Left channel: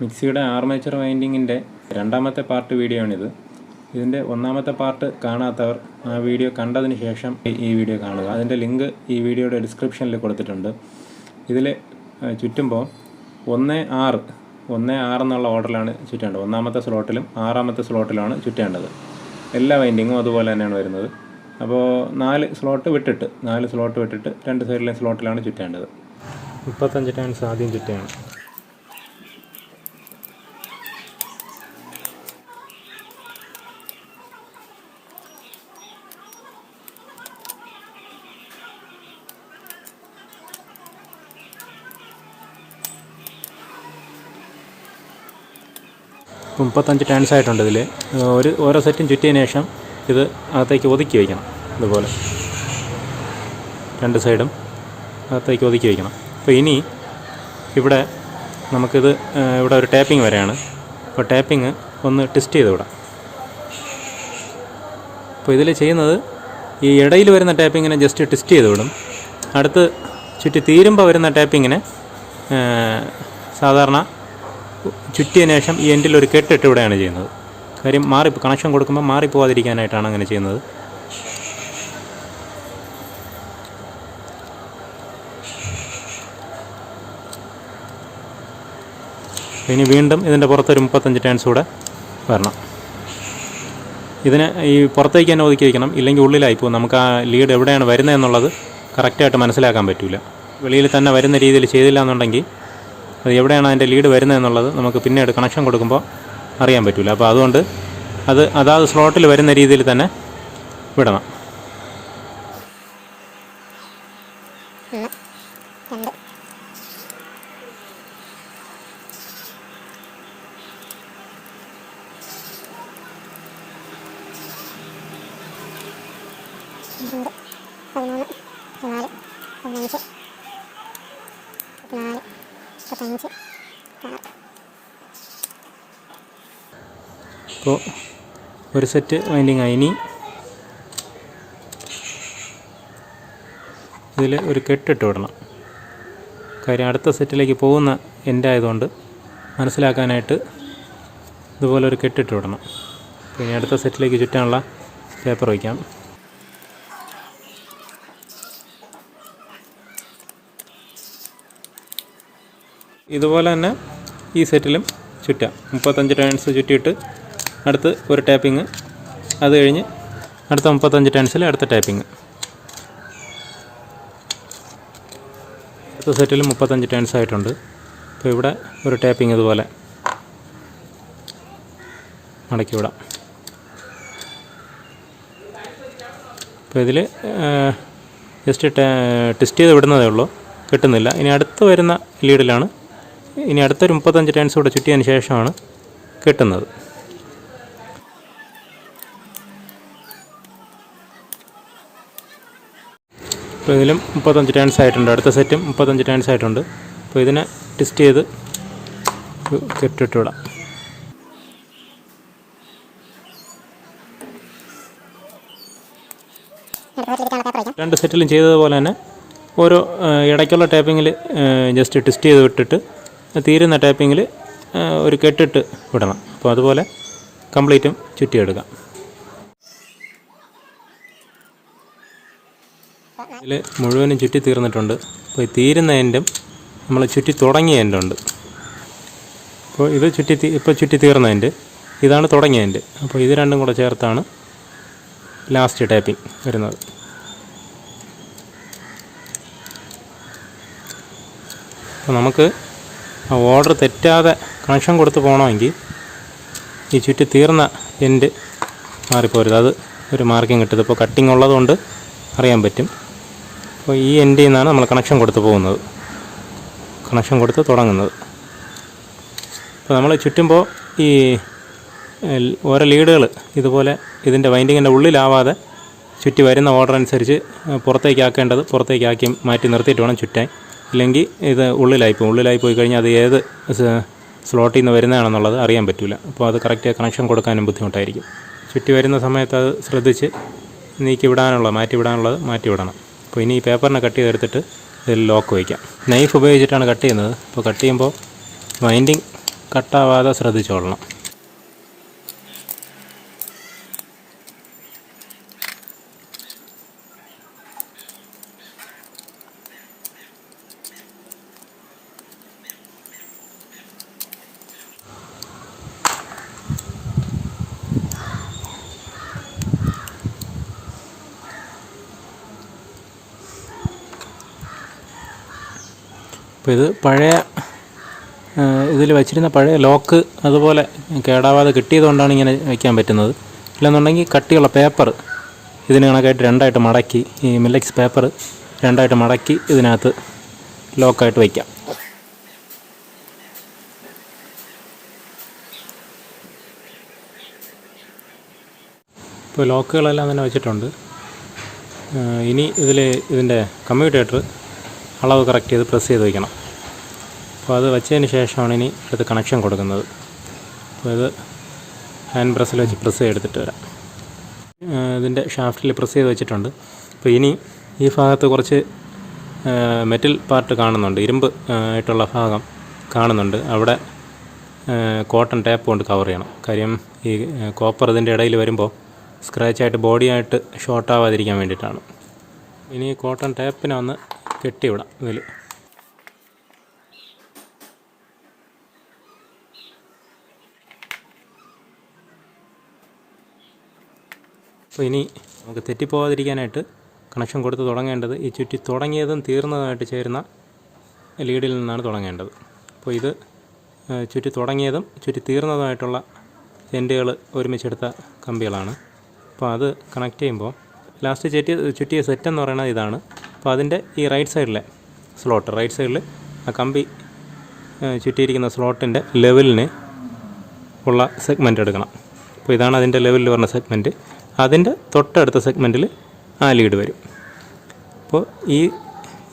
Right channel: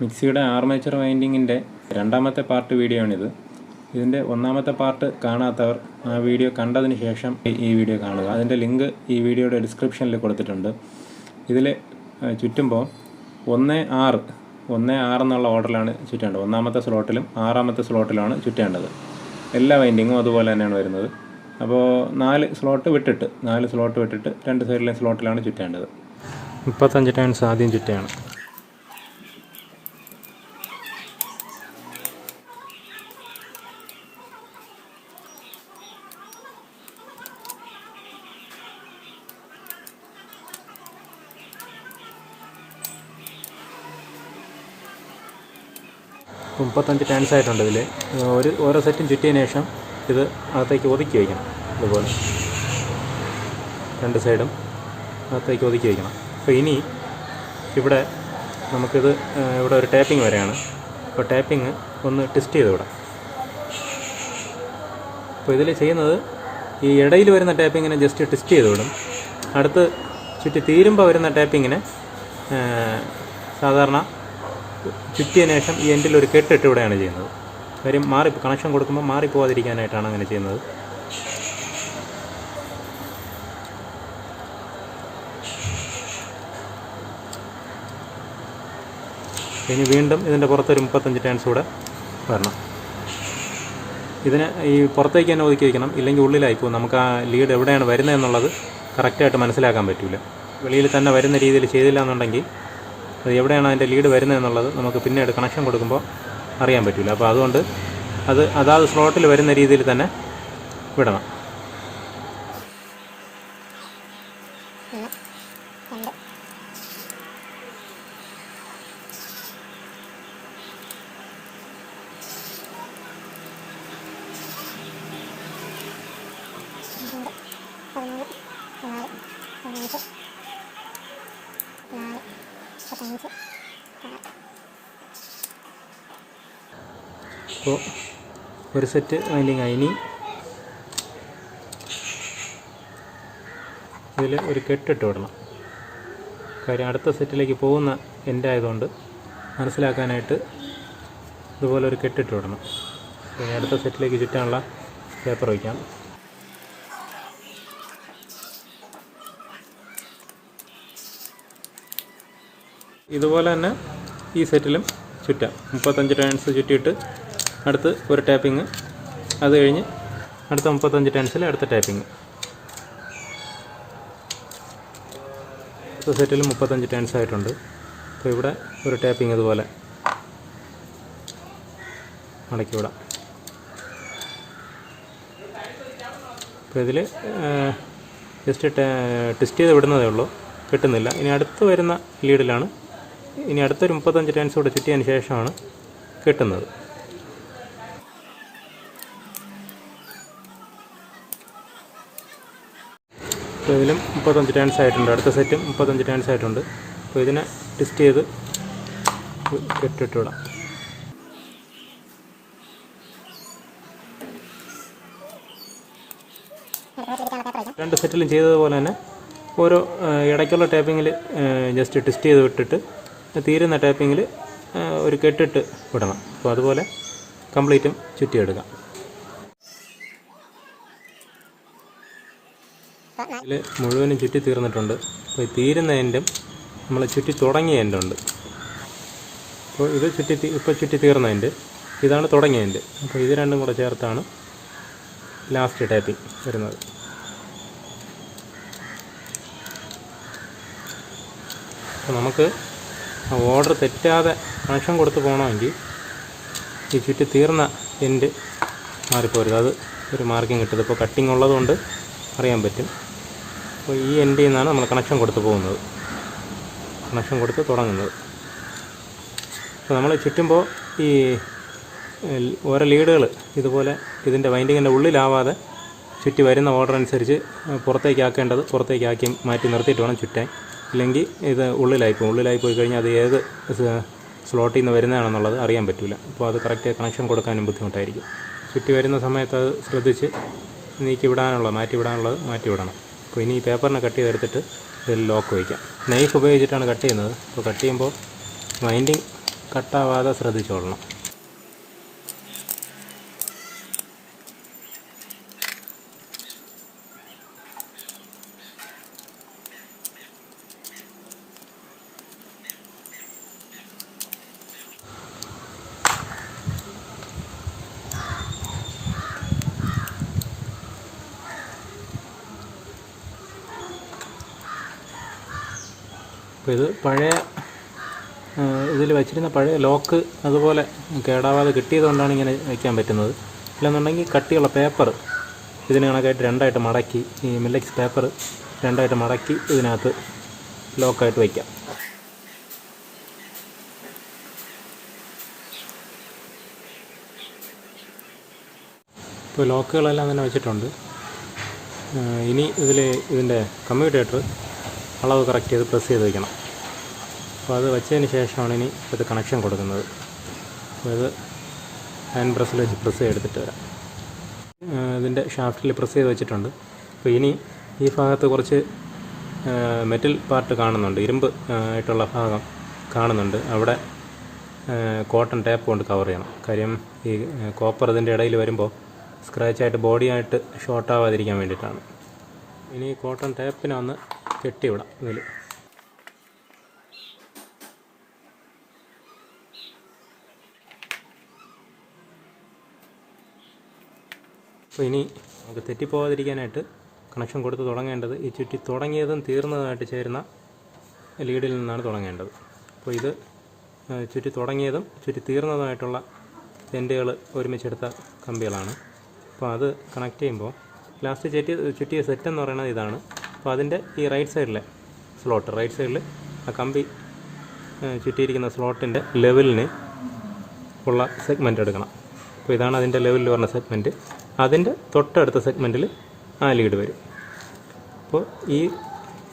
മിക്സിയുടെ ആർമേച്ചർ വൈൻഡിങ്ങിൻ്റെ രണ്ടാമത്തെ part video ആണിത്. ഇതിൻ്റെ ഒന്നാമത്തെ പാർട്ട് കാണാത്തവർ ആ വീഡിയോ കണ്ടതിന് ശേഷം ഈ വീഡിയോ കാണുക. അതിൻ്റെ ലിങ്ക് ഈ വീഡിയോയുടെ ഡിസ്ക്രിപ്ഷനിൽ കൊടുത്തിട്ടുണ്ട്. ഇതിൽ ചുറ്റുമ്പോൾ 1-6 എന്നുള്ള ഓർഡറിലാണ് ചുറ്റേണ്ടത്. ഒന്നാമത്തെ സ്ലോട്ടിലും 6ാമത്തെ സ്ലോട്ടിലാണ് ചുറ്റേണ്ടത്. എല്ലാ വൈൻഡിങ്ങും അതുപോലെ തന്നെയാണ് വരുന്നത്. അപ്പോൾ 4 സ്ലോട്ട് വിട്ടിട്ട് 2 സൈഡിലെ സ്ലോട്ടിലാണ് ചുറ്റേണ്ടത്. 35 ടേൺസ് ആദ്യം ചുറ്റുകയാണ്. ഇപ്പോൾ 35 ടേൺസ് ആയിട്ടുണ്ട്. ഇതിൽ ഓരോ സെറ്റും ചുറ്റിയതിന് ശേഷം ഇത് അകത്തേക്ക് ഒതുക്കി വയ്ക്കണം. ഇതുപോലെ 2 സൈഡും അകത്തേക്ക് ഒതുക്കി വയ്ക്കണം. അപ്പോൾ ഇനി ഇവിടെ നമുക്കിത് ഇവിടെ ഒരു ടാപ്പിംഗ് വരെയാണ്. അപ്പോൾ ടാപ്പിംഗ് ഒന്ന് ടെസ്റ്റ് ചെയ്ത് വിടാം. അപ്പോൾ ഇതിൽ ചെയ്യുന്നത് ഈ ഇടയിൽ വരുന്ന ടാപ്പിങ്ങിനെ ജസ്റ്റ് ടെസ്റ്റ് ചെയ്ത് വിടും. അടുത്ത് ചുറ്റി തീരുമ്പോൾ വരുന്ന ടാപ്പിങ്ങിനെ സാധാരണ ചുറ്റിയതിന് ശേഷം ഈ എൻഡിൽ ഒരു കെട്ടിട്ട് ഇവിടെയാണ് ചെയ്യുന്നത്. കാര്യം കണക്ഷൻ കൊടുക്കുമ്പോൾ മാറിപ്പോവാതിരിക്കാനായിട്ടാണ് അങ്ങനെ ചെയ്യുന്നത്. ഇനി വീണ്ടും ഇതിൻ്റെ പുറത്തൊരു 35 ടേൺസ് കൂടെ വരണം. ഇതിന് ഈ പുറത്തേക്ക് തന്നെ ഒതുക്കി വയ്ക്കണം, ഇല്ലെങ്കിൽ ഉള്ളിലായിപ്പോൾ നമുക്ക് ആ ലീഡ് എവിടെയാണ് വരുന്നതെന്നുള്ളത് കറക്റ്റായിട്ട് മനസ്സിലാക്കാൻ പറ്റില്ല. വെളിയിൽ തന്നെ വരുന്ന രീതിയിൽ ചെയ്തില്ല എന്നുണ്ടെങ്കിൽ അത് എവിടെയാണ് അതിൻ്റെ ലീഡ് വരുന്നതെന്നുള്ളത് നമുക്ക് പിന്നീട് കണക്ഷൻ കൊടുക്കുമ്പോൾ അറിയാൻ പറ്റില്ല. അപ്പോൾ അതുകൊണ്ട് അതാത് സ്ലോട്ടിൽ വരുന്ന രീതിയിൽ തന്നെ വിടണം. അപ്പോൾ ഒരു സെറ്റ് വൈൻഡിങ് ആയി. ഇനി ഇതിൽ ഒരു കെട്ടിട്ട് വിടണം. കാര്യം അടുത്ത സെറ്റിലേക്ക് പോകുന്ന എൻഡ് ആയതുകൊണ്ട് മനസ്സിലാക്കാനായിട്ട് ഇതുപോലെ ഒരു കെട്ടിട്ട് വിടണം. ഇനി അടുത്ത സെറ്റിലേക്ക് ചുറ്റാനുള്ള പേപ്പർ വയ്ക്കാം. ഇതുപോലെ തന്നെ ഈ സെറ്റിലും ചുറ്റാം. 35 ടേൺസ് ചുറ്റിയിട്ട് അടുത്ത് ഒരു ടാപ്പിങ്, അത് കഴിഞ്ഞ് അടുത്ത 35 ടേൺസിൽ അടുത്ത ടാപ്പിങ്. അടുത്ത സെറ്റിലും 35 ടേൺസ് ആയിട്ടുണ്ട്. അപ്പോൾ ഇവിടെ ഒരു ടാപ്പിങ് ഇതുപോലെ മടക്കി വിടാം. അപ്പോൾ ഇതിൽ ജസ്റ്റ് ടെസ്റ്റ് ചെയ്ത് വിടുന്നതേ ഉള്ളൂ, കിട്ടുന്നില്ല. ഇനി അടുത്ത് വരുന്ന ലീഡിലാണ് ഇനി അടുത്തൊരു 35 ടേൺസ് കൂടെ ചുറ്റിയതിന് ശേഷമാണ് കിട്ടുന്നത്. അപ്പോൾ ഇതിലും 35 ടേൺസ് ആയിട്ടുണ്ട്. അടുത്ത സെറ്റും 35 ടേൺസ് ആയിട്ടുണ്ട്. അപ്പോൾ ഇതിനെ ടെസ്റ്റ് ചെയ്ത് കെട്ടിട്ട് വിടാം. രണ്ട് സെറ്റിലും ചെയ്തതുപോലെ തന്നെ ഓരോ ഇടയ്ക്കുള്ള ടാപ്പിങ്ങിൽ ജസ്റ്റ് ടെസ്റ്റ് ചെയ്ത് വിട്ടിട്ട് തീരുന്ന ടാപ്പിങ്ങിൽ ഒരു കെട്ടിട്ട് വിടണം. അപ്പോൾ അതുപോലെ കംപ്ലീറ്റും ചുറ്റിയെടുക്കാം. ഇതിൽ മുഴുവനും ചുറ്റി തീർന്നിട്ടുണ്ട്. അപ്പോൾ ഈ തീരുന്ന എൻഡും നമ്മൾ ചുറ്റി തുടങ്ങിയ എൻഡുണ്ട്. അപ്പോൾ ഇത് ചുറ്റി തീർന്ന എൻഡ്, ഇതാണ് തുടങ്ങിയ എൻഡ്. അപ്പോൾ ഇത് രണ്ടും കൂടെ ചേർത്താണ് ലാസ്റ്റ് ടാപ്പിംഗ് വരുന്നത്. അപ്പോൾ നമുക്ക് ആ ഓർഡർ തെറ്റാതെ കണക്ഷൻ കൊടുത്ത് പോകണമെങ്കിൽ ഈ ചുറ്റി തീർന്ന എൻഡ് മാറിപ്പോരുത്. അത് ഒരു മാർക്കിങ് കിട്ടും. ഇപ്പോൾ കട്ടിങ് ഉള്ളതുകൊണ്ട് അറിയാൻ പറ്റും. അപ്പോൾ ഈ എൻഡിൽ നിന്നാണ് നമ്മൾ കണക്ഷൻ കൊടുത്ത് പോകുന്നത്, കണക്ഷൻ കൊടുത്ത് തുടങ്ങുന്നത്. അപ്പോൾ നമ്മൾ ചുറ്റുമ്പോൾ ഈ ഓരോ ലീഡുകൾ ഇതുപോലെ ഇതിൻ്റെ വൈൻഡിങ്ങിൻ്റെ ഉള്ളിലാവാതെ ചുറ്റി വരുന്ന ഓർഡർ അനുസരിച്ച് പുറത്തേക്കാക്കേണ്ടത് പുറത്തേക്കാക്കി മാറ്റി നിർത്തിയിട്ട് വേണം ചുറ്റാൻ. ഇല്ലെങ്കിൽ ഇത് ഉള്ളിലായി പോയി കഴിഞ്ഞാൽ അത് ഏത് സ്ലോട്ടിൽ നിന്ന് വരുന്നതാണെന്നുള്ളത് അറിയാൻ പറ്റില്ല. അപ്പോൾ അത് കറക്റ്റ് കണക്ഷൻ കൊടുക്കാനും ബുദ്ധിമുട്ടായിരിക്കും. ചുറ്റി വരുന്ന സമയത്ത് അത് ശ്രദ്ധിച്ച് മാറ്റി വിടണം. അപ്പോൾ ഇനി ഈ പേപ്പറിനെ കട്ട് ചെയ്തെടുത്തിട്ട് ഇതിൽ ലോക്ക് വയ്ക്കാം. നൈഫ് ഉപയോഗിച്ചിട്ടാണ് കട്ട് ചെയ്യുന്നത്. അപ്പോൾ കട്ട് ചെയ്യുമ്പോൾ വൈൻഡിങ് കട്ടാവാതെ ശ്രദ്ധിച്ചോളണം. അപ്പോൾ ഇത് പഴയ ഇതിൽ വച്ചിരുന്ന പഴയ ലോക്ക് അതുപോലെ കേടാവാതെ കിട്ടിയതുകൊണ്ടാണ് ഇങ്ങനെ വയ്ക്കാൻ പറ്റുന്നത്. ഇല്ലെന്നുണ്ടെങ്കിൽ കട്ടിയുള്ള പേപ്പർ ഇതിന് കണക്കായിട്ട് രണ്ടായിട്ട് മടക്കി, ഈ മില്ലക്സ് പേപ്പർ രണ്ടായിട്ട് മടക്കി ഇതിനകത്ത് ലോക്കായിട്ട് വയ്ക്കാം. ഇപ്പോൾ ലോക്കുകളെല്ലാം തന്നെ വെച്ചിട്ടുണ്ട്. ഇനി ഇതിൻ്റെ കമ്മ്യൂട്ടേറ്റർ അളവ് കറക്റ്റ് ചെയ്ത് പ്രസ് ചെയ്ത് വയ്ക്കണം. അപ്പോൾ അത് വെച്ചതിന് ശേഷമാണ് ഇനി ഇത് കണക്ഷൻ കൊടുക്കുന്നത്. അപ്പോൾ ഇത് ഹാൻഡ് പ്രസ്സിൽ വെച്ച് പ്രസ് ചെയ്തെടുത്തിട്ട് വരാം. ഇതിൻ്റെ ഷാഫ്റ്റിൽ പ്രസ് ചെയ്ത് വെച്ചിട്ടുണ്ട്. അപ്പോൾ ഇനി ഈ ഭാഗത്ത് കുറച്ച് മെറ്റൽ പാർട്ട് കാണുന്നുണ്ട്, ഇരുമ്പ് ആയിട്ടുള്ള ഭാഗം കാണുന്നുണ്ട്. അവിടെ കോട്ടൺ ടേപ്പ് കൊണ്ട് കവർ ചെയ്യണം. കാര്യം ഈ കോപ്പർ ഇതിൻ്റെ ഇടയിൽ വരുമ്പോൾ സ്ക്രാച്ചായിട്ട് ബോഡിയായിട്ട് ഷോർട്ടാവാതിരിക്കാൻ വേണ്ടിയിട്ടാണ്. ഇനി കോട്ടൺ ടേപ്പിനെ ഒന്ന് കെട്ടിവിടാം ഇതിൽ. അപ്പോൾ ഇനി നമുക്ക് തെറ്റിപ്പോകാതിരിക്കാനായിട്ട് കണക്ഷൻ കൊടുത്ത് തുടങ്ങേണ്ടത് ഈ ചുറ്റി തുടങ്ങിയതും തീർന്നതുമായിട്ട് ചേരുന്ന ലീഡിൽ നിന്നാണ് തുടങ്ങേണ്ടത്. അപ്പോൾ ഇത് ചുറ്റി തുടങ്ങിയതും ചുറ്റി തീർന്നതുമായിട്ടുള്ള എൻഡുകൾ ഒരുമിച്ചെടുത്ത കമ്പികളാണ്. അപ്പോൾ അത് കണക്ട് ചെയ്യുമ്പോൾ ലാസ്റ്റ് ചുറ്റിയ സെറ്റ് എന്ന് പറയുന്നത് ഇതാണ്. അപ്പോൾ അതിൻ്റെ ഈ റൈറ്റ് സൈഡിലെ സ്ലോട്ട്, റൈറ്റ് സൈഡിൽ ആ കമ്പി ചുറ്റിയിരിക്കുന്ന സ്ലോട്ടിൻ്റെ ലെവലിന് ഉള്ള സെഗ്മെൻറ്റ് എടുക്കണം. അപ്പോൾ ഇതാണ് അതിൻ്റെ ലെവലിൽ വരുന്ന സെഗ്മെൻറ്റ്. അതിൻ്റെ തൊട്ടടുത്ത സെഗ്മെൻറ്റിൽ ആ ലീഡ് വരും. അപ്പോൾ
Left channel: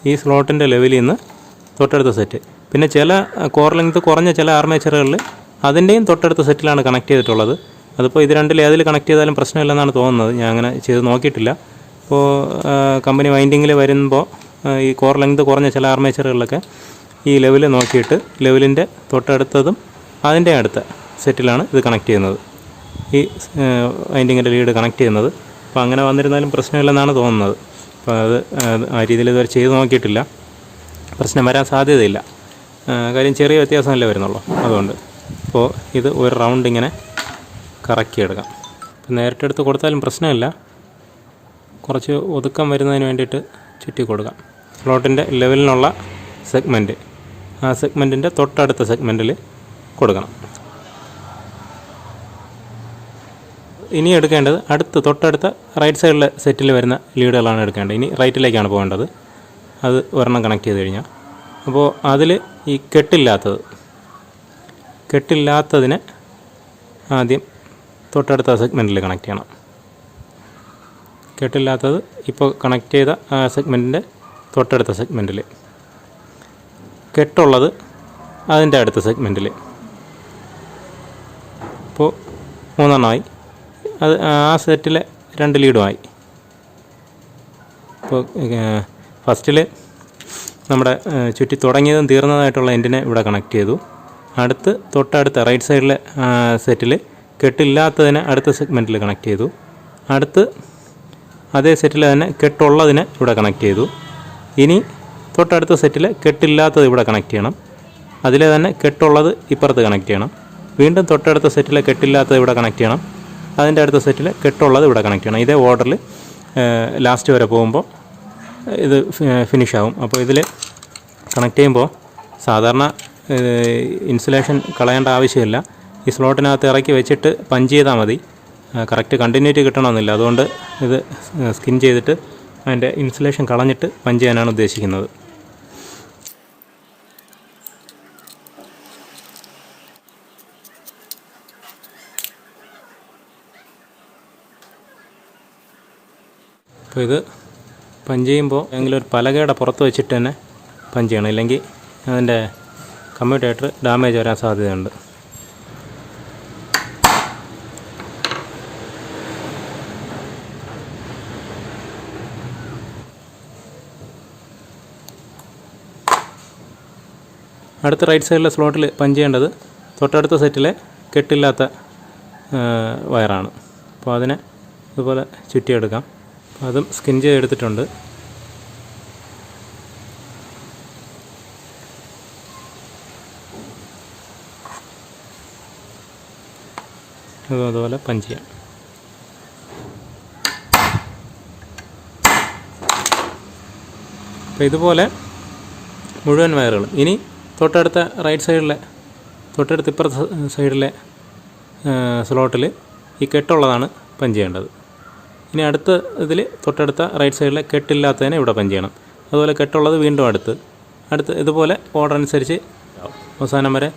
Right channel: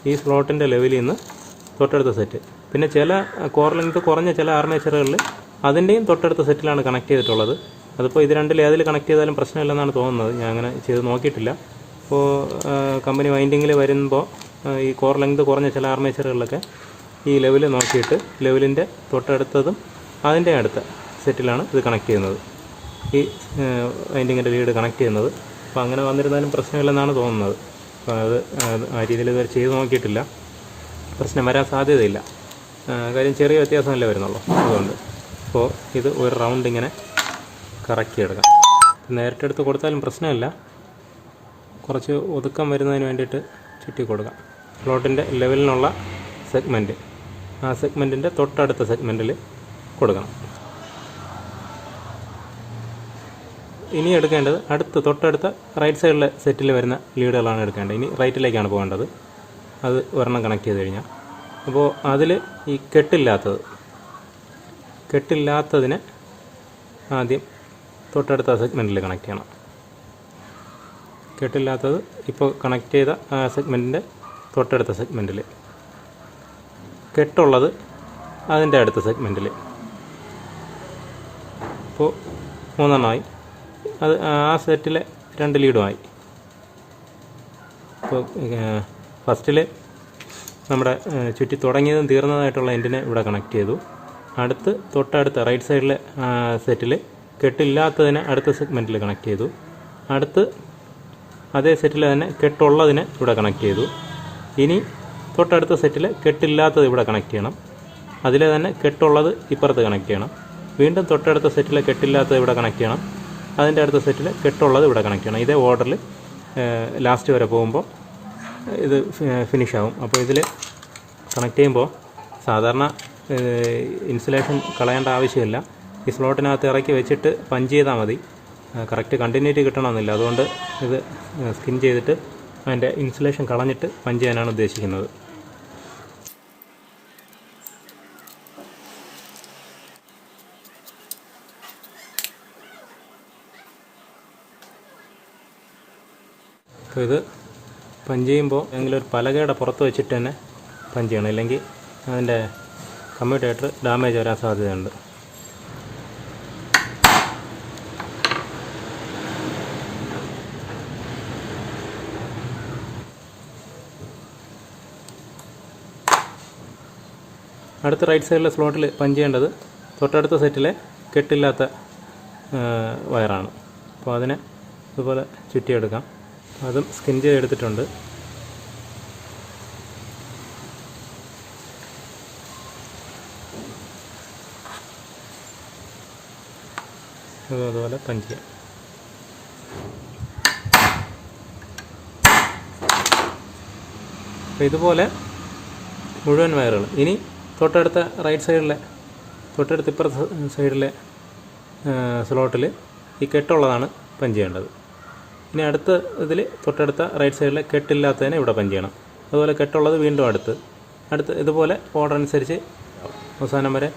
ഈ സ്ലോട്ടിൻ്റെ ലെവലിൽ നിന്ന് തൊട്ടടുത്ത സെറ്റ്. പിന്നെ ചില കോർ ലെങ്ത് കുറഞ്ഞ ചില ആർമേച്ചറുകളിൽ അതിൻ്റെയും തൊട്ടടുത്ത സെറ്റിലാണ് കണക്ട് ചെയ്തിട്ടുള്ളത്. അതിപ്പോൾ ഇത് രണ്ടിൽ ഏതിൽ കണക്ട് ചെയ്താലും പ്രശ്നമില്ലെന്നാണ് തോന്നുന്നത്. ഞാൻ അങ്ങനെ ചെയ്ത് നോക്കിയിട്ടില്ല. അപ്പോൾ കമ്പനി വൈൻഡിങ്ങിൽ വരുമ്പോൾ ഈ കോർ ലെങ്ത് കുറഞ്ഞ ചില ആർമേച്ചറുകളിലൊക്കെ ഈ ലെവൽ നോക്കിയിട്ട് ലെവലിൻ്റെ തൊട്ടടുത്തതും അതിൻ്റെ അടുത്ത സെറ്റിലാണ് ഇത് കണക്ട് ചെയ്യുന്നത്, ഈ വൈൻഡിങ്ങിൻ്റെ ലീഡ് കണക്ട് ചെയ്യുന്നത്. അപ്പോൾ അങ്ങനെ വന്നിരുന്നാലും പ്രശ്നമില്ലെന്നാണ് തോന്നുന്നത്. അപ്പോൾ അത് ആ രീതിയിൽ ഇതുവരെ ചെയ്ത് നോക്കിയിട്ടില്ല. പ്രശ്നം വരാൻ സാധ്യതയില്ല. കാര്യം ചെറിയ വ്യത്യാസമല്ലേ വരുന്നുള്ളൂ, അതുകൊണ്ട്. അപ്പോൾ ഇത് ഒരു റൗണ്ട് ഇങ്ങനെ കറക്കിയെടുക്കാം. നേരിട്ടെടുത്ത് കൊടുത്താലും പ്രശ്നമില്ല. കുറച്ച് ഒതുക്കം വരുന്നതിന് വേണ്ടിയിട്ട് ചുറ്റി കൊടുക്കാം. സ്ലോട്ടിൻ്റെ ലെവലിനുള്ള സെഗ്മെൻറ്റ് ആ സെഗ്മെൻറ്റിൻ്റെ തൊട്ടടുത്ത സെഗ്മെൻറ്റിൽ കൊടുക്കണം. ഇനി എടുക്കേണ്ടത് തൊട്ടടുത്ത റൈറ്റ് സൈഡിലെ സെറ്റിൽ വരുന്ന ലീഡുകളാണ് എടുക്കേണ്ടത്. ഇനി റൈറ്റിലേക്കാണ് പോകേണ്ടത്. അത് ഒരെണ്ണം കണക്ട് ചെയ്ത് കഴിഞ്ഞാൽ, അപ്പോൾ അതിൽ ഈ കെട്ടില്ലാത്തതിനെ ആദ്യം തൊട്ടടുത്ത സെഗ്മെൻറ്റിൽ കണക്ട് ചെയ്യണം. കെട്ടില്ലാത്തത് ഇപ്പോൾ കണക്ട് ചെയ്ത ആ സെഗ്മെൻറ്റിൻ്റെ തൊട്ടടുത്ത സെഗ്മെൻറ്റിൽ, കെട്ടുള്ളത് അതിൻ്റെ അടുത്ത സെഗ്മെൻറ്റിൽ. ഇപ്പോൾ 3 എണ്ണമായി. അത് ആ സെറ്റിലെ 2 ലീഡുമായി. ഇപ്പോൾ ഫസ്റ്റിൽ നമ്മുടെ ചുറ്റി തുടങ്ങിയതും തീർന്നതായിട്ടുള്ള എൻഡിനെ ഇവിടെ കണക്ട് ചെയ്തു. തൊട്ടടുത്ത റൈറ്റ് സൈഡിലെ സെറ്റിൽ കെട്ടില്ലാത്തതിനെ അടുത്ത സെഗ്മെൻറ്റിൽ കണക്ട് ചെയ്തു. അതേ സെറ്റിൽ തന്നെ കെട്ടുള്ളതിനെ ഇവിടെ കണക്ട് ചെയ്തു. ഇനി തൊട്ടടുത്ത സെറ്റിൽ കെട്ടില്ലാത്തത് ഇവിടെ കണക്ട് ചെയ്യണം. അതിലെ തന്നെ കെട്ടുള്ളത് ഇപ്പുറത്ത് കണക്ട് ചെയ്യണം. വീണ്ടും തൊട്ടടുത്ത സെറ്റിലെ കെട്ടില്ലാത്തത് ഇവിടെ കണക്ട് ചെയ്യണം. അതിൻ്റെ അടുത്ത സെറ്റിൽ കെട്ടുള്ളത് ഇവിടെ കണക്ട് ചെയ്യണം. ഇതേ ഓർഡറിൽ ലാസ്റ്റ് വരെ പോകുമ്പോൾ ഇത് ഫിനിഷ് ആവും. അപ്പോൾ ഇതിൽ കണക്ട് ചെയ്യുമ്പോൾ സാധാരണ ഇൻസുലേഷൻ കളയേണ്ട ആവശ്യമില്ല. ഈ സ്ലോട്ടിനകത്ത് ഇറക്കി വെച്ചിട്ട് പഞ്ച് ചെയ്താൽ മതി. കറക്റ്റ് കണ്ടിന്യൂറ്റി കിട്ടണമെന്നില്ല. അതുകൊണ്ട് ഇത് സ്കിൻ ചെയ്തിട്ട് അതിൻ്റെ ഇൻസുലേഷൻ കളഞ്ഞിട്ട് പഞ്ച് ചെയ്യാനാണ് ഉദ്ദേശിക്കുന്നത്. അപ്പോൾ ഇത് പഞ്ച് ചെയ്യുമ്പോൾ ഏതെങ്കിലും ഒരു പലകയുടെ പുറത്ത് വെച്ചിട്ട് തന്നെ പഞ്ച് ചെയ്യണം. ഇല്ലെങ്കിൽ അതിൻ്റെ കമ്മ്യൂട്ടേറ്റർ ഡാമേജ് വരാൻ സാധ്യതയുണ്ട്. അടുത്ത റൈറ്റ് സൈഡിലെ സ്ലോട്ടിൽ പഞ്ച് ചെയ്യേണ്ടത് തൊട്ടടുത്ത സെറ്റിലെ കെട്ടില്ലാത്ത വയറാണ്. അപ്പോൾ അതിനെ ഇതുപോലെ ചുറ്റിയെടുക്കാം. അതും സ്കിൻ ചെയ്തെടുത്തിട്ടുണ്ട്. അതുപോലെ പഞ്ച് ചെയ്യാം. അപ്പോൾ ഇതുപോലെ മുഴുവൻ വയറുകളും. ഇനി തൊട്ടടുത്ത റൈറ്റ് സൈഡിലെ ഇപ്പുറത്തെ സൈഡിലെ സ്ലോട്ടിൽ ഈ കെട്ടുള്ളതാണ് പഞ്ച് ചെയ്യേണ്ടത്. ഇനി അടുത്ത ഇതിൽ തൊട്ടടുത്ത റൈറ്റ് സൈഡിലെ കെട്ടില്ലാത്തതിനെ ഇവിടെ പഞ്ച് ചെയ്യണം. അതുപോലെ കെട്ടുള്ളത് വീണ്ടും അടുത്ത് ഇതുപോലെ ഓർഡർ അനുസരിച്ച് അവസാനം വരെ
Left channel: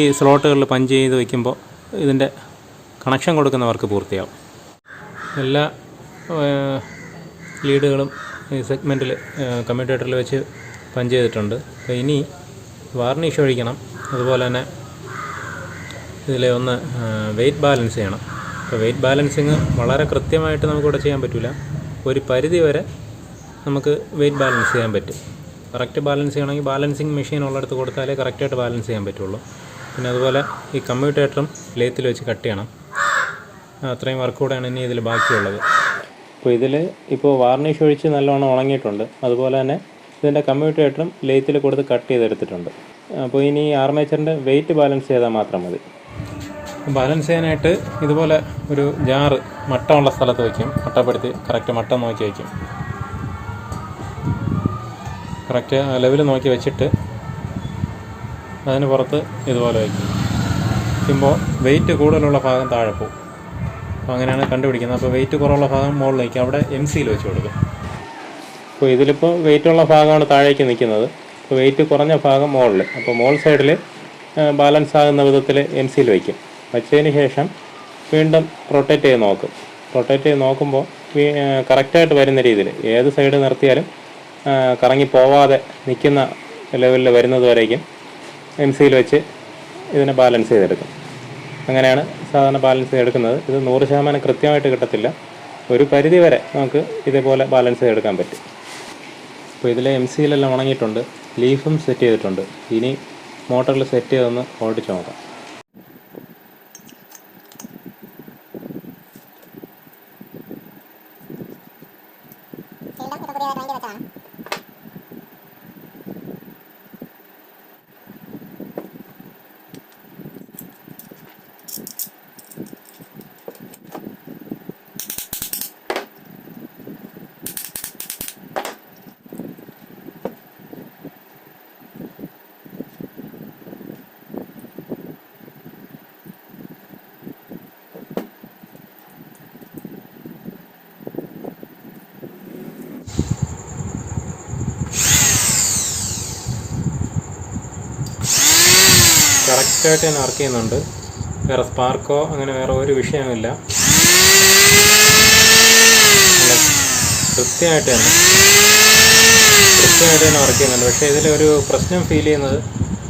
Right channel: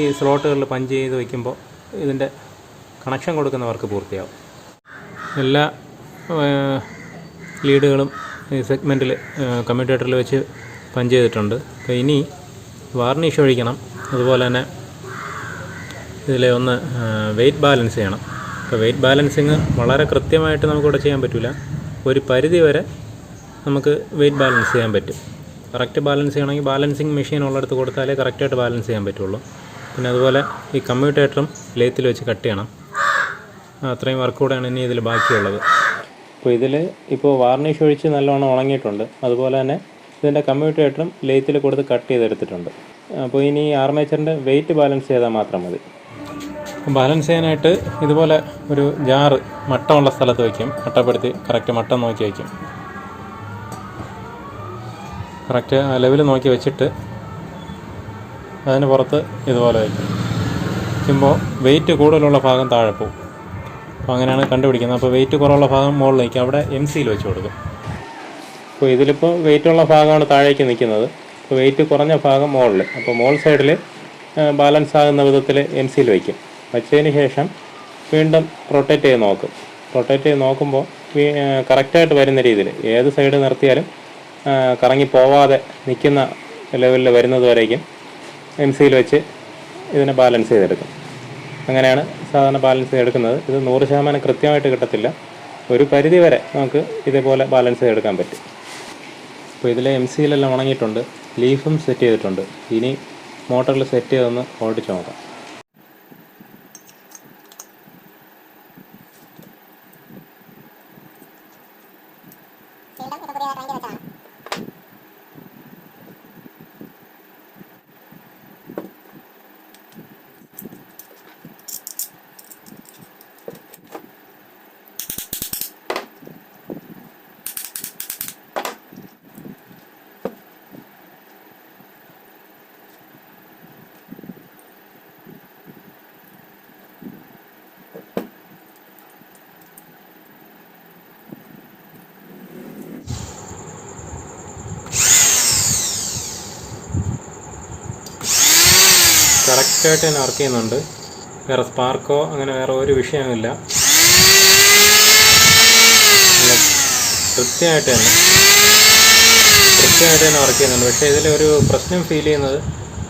ഈ സ്ലോട്ടുകളിൽ പഞ്ച് ചെയ്ത് വയ്ക്കുമ്പോൾ ഇതിൻ്റെ കണക്ഷൻ കൊടുക്കുന്ന വർക്ക് പൂർത്തിയാവും. എല്ലാ ലീഡുകളും ഈ സെഗ്മെൻറ്റിൽ കമ്മ്യൂട്ടേറ്ററിൽ വെച്ച് പഞ്ച് ചെയ്തിട്ടുണ്ട്. അപ്പോൾ ഇനി വാർണിഷ് ഒഴിക്കണം. അതുപോലെ തന്നെ ഇതിൽ ഒന്ന് വെയ്റ്റ് ബാലൻസ് ചെയ്യണം. അപ്പോൾ വെയ്റ്റ് ബാലൻസിങ് വളരെ കൃത്യമായിട്ട് നമുക്കിവിടെ ചെയ്യാൻ പറ്റില്ല. ഒരു പരിധി വരെ നമുക്ക് വെയ്റ്റ് ബാലൻസ് ചെയ്യാൻ പറ്റും. കറക്റ്റ് ബാലൻസ് ചെയ്യണമെങ്കിൽ ബാലൻസിങ് മെഷീൻ ഉള്ളിടത്ത് കൊടുത്താലേ കറക്റ്റായിട്ട് ബാലൻസ് ചെയ്യാൻ പറ്റുള്ളൂ. പിന്നെ അതുപോലെ ഈ കമ്മ്യൂട്ടേറ്ററും ലേത്തിൽ വെച്ച് കട്ട് ചെയ്യണം. അത്രയും വർക്ക് കൂടെയാണ് ഇനി ഇതിൽ ബാക്കിയുള്ളത്. അപ്പോൾ ഇതിൽ ഇപ്പോൾ വാർണിഷ് ഒഴിച്ച് നല്ലോണം ഉണങ്ങിയിട്ടുണ്ട്. അതുപോലെ തന്നെ ഇതിൻ്റെ കമ്മ്യൂട്ടേറ്ററും ലേത്തിൽ കൊടുത്ത് കട്ട് ചെയ്തെടുത്തിട്ടുണ്ട്. അപ്പോൾ ഇനി ആർമേച്ചറിൻ്റെ വെയിറ്റ് ബാലൻസ് ചെയ്താൽ മാത്രം മതി. ബാലൻസ് ചെയ്യാനായിട്ട് ഇതുപോലെ ഒരു ജാറ് മട്ടമുള്ള സ്ഥലത്ത് വയ്ക്കും. മട്ടപ്പെടുത്തി കറക്റ്റ് മട്ടം നോക്കി വയ്ക്കും. കറക്റ്റ് ലെവൽ നോക്കി വെച്ചിട്ട് അതിന് പുറത്ത് ഇതുപോലെ വയ്ക്കും. വയ്ക്കുമ്പോൾ വെയിറ്റ് കൂടുതലുള്ള ഭാഗം താഴെ പോകും. അപ്പോൾ അങ്ങനെയാണ് കണ്ടുപിടിക്കുന്നത്. അപ്പോൾ വെയിറ്റ് കുറവുള്ള ഭാഗം മുകളിലേക്ക് അവിടെ MC വെച്ച് കൊടുക്കും. അപ്പോൾ ഇതിലിപ്പോൾ വെയിറ്റുള്ള ഭാഗമാണ് താഴേക്ക് നിൽക്കുന്നത്. അപ്പോൾ വെയിറ്റ് കുറഞ്ഞ ഭാഗം മുകളിൽ. അപ്പോൾ മുകൾ സൈഡിൽ ബാലൻസ് ആകുന്ന വിധത്തിൽ MC വയ്ക്കും. വച്ചതിന് ശേഷം വീണ്ടും റൊട്ടേറ്റ് ചെയ്ത് നോക്കും. റൊട്ടേറ്റ് ചെയ്ത് നോക്കുമ്പോൾ കറക്റ്റായിട്ട് വരുന്ന രീതിയിൽ ഏത് സൈഡ് നിർത്തിയാലും കറങ്ങി പോവാതെ നിൽക്കുന്ന ലെവലിൽ വരുന്നത് വരേക്കും MC വെച്ച് ഇതിനെ ബാലൻസ് ചെയ്തെടുക്കും. അങ്ങനെയാണ് സാധാരണ ബാലൻസ് ചെയ്തെടുക്കുന്നത്. ഇത് 100% കൃത്യമായിട്ട് കിട്ടത്തില്ല. ഒരു പരിധി വരെ നമുക്ക് ഇതേപോലെ ബാലൻസ് ചെയ്തെടുക്കാൻ പറ്റും. അപ്പോൾ ഇതിലെ MC ഉണങ്ങിയിട്ടുണ്ട്. ലീഫും സെറ്റ് ചെയ്തിട്ടുണ്ട്. ഇനി മോട്ടറിൽ സെറ്റ് ചെയ്തൊന്ന് ഓടിച്ച് നോക്കാം. കറക്റ്റായിട്ട് തന്നെ വർക്ക് ചെയ്യുന്നുണ്ട്. വേറെ സ്പാർക്കോ അങ്ങനെ വേറെ ഒരു വിഷയമില്ല. കൃത്യമായിട്ട് തന്നെ വർക്ക് ചെയ്യുന്നുണ്ട്. പക്ഷേ ഇതിലൊരു പ്രശ്നം ഫീൽ ചെയ്യുന്നത്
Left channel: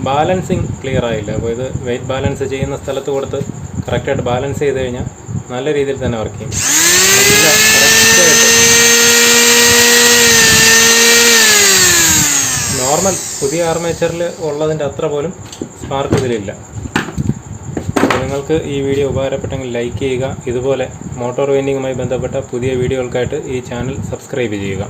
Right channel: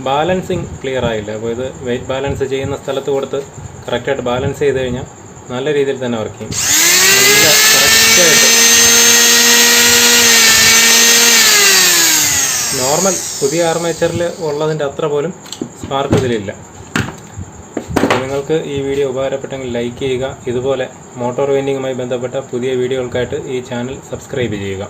ബാലൻസിങ് ക്ലിയർ ആയില്ല. അപ്പോൾ ഇത് വെയിറ്റ് ബാലൻസ് ചെയ്യുന്ന സ്ഥലത്ത് കൊടുത്ത് കറക്റ്റായിട്ട് ബാലൻസ് ചെയ്ത് കഴിഞ്ഞാൽ നല്ല രീതിയിൽ തന്നെ വർക്ക് ചെയ്യും. നല്ല കറക്റ്റായിട്ട് നോർമൽ പുതിയ ആർമേച്ചറിൽ ഉള്ളതിൻ്റെ അത്ര പോലും സ്പാർക്ക് ഇതിലില്ല. അപ്പോൾ നിങ്ങൾക്ക് ഈ വീഡിയോ ഉപകാരപ്പെട്ടെങ്കിൽ ലൈക്ക് ചെയ്യുക. ഇതുപോലെ മോട്ടോർ വെൻഡിങ്ങുമായി ബന്ധപ്പെട്ട പുതിയ വീഡിയോകൾക്കായിട്ട് ഈ ചാനൽ സബ്സ്ക്രൈബ് ചെയ്യുക.